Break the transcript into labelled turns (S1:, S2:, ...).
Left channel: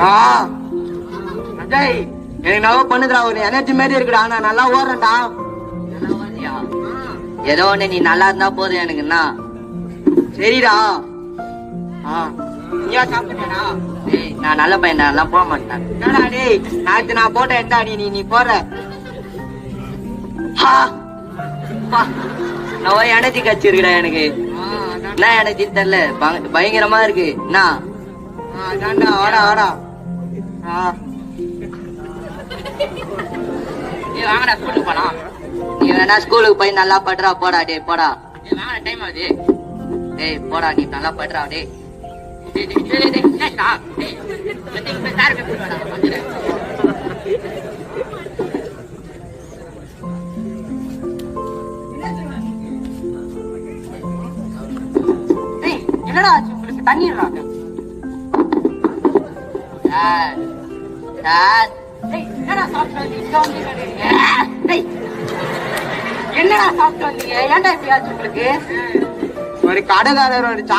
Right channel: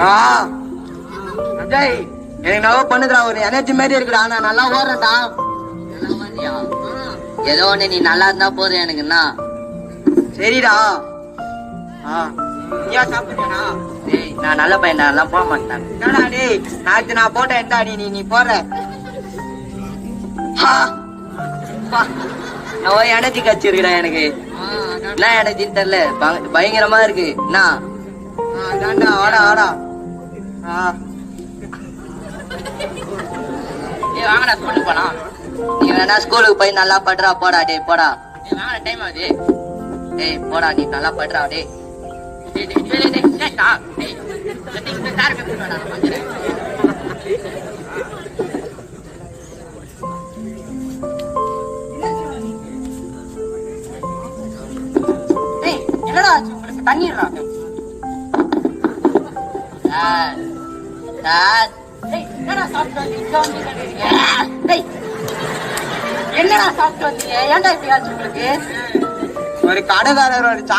S1: ஆ. அஜய் எனக்கு நவ பண்ணுதுடா ஒரு எனர்ஜி மாதிரி இருக்குடா. நான் நல்லா ஓடுறேன்டா.
S2: ஏதோ ஒண்ணு நீ நல்லா இருந்தா போதும் எனக்குன்னா
S1: சரிடா. ஆ. நீயா சாப்பிட்டா
S2: டேய், நான் நல்ல பையன் எல்லாம் போக மாட்டேன்.
S1: என்னடா டேய் நாளைக்கு நான் போட்டோ எடுத்தா நீ நீ நீ போற நவ எனர்ஜி கட்சி இருக்குடா எனக்கு என்ன எனர்ஜின்னு தெரியல. பய- பயங்கரமா இருக்கு. என்ன? அதான்டா வாடா வாடா. ஆ.
S2: ஏய் வாங்கடா ஸ்கூலுக்கு போலாம். நீ வேணா ஸ்கூலுக்கு போய் நல்லா படுறா போடா போடா. ஏய் வாங்கடா டைம் ஆகுது. ஏய் போடா நீ நல்லா படுறா டேய். டேய், டேய், சார் சார் என்னடா சாப்பிட்டு என்னடா சாப்பிட்டு வந்தீங்க? ஏன்டா இப்படி ஆச்சு உங்களுக்கு?
S1: ஒரு கடைக்காரர் ஒரு சா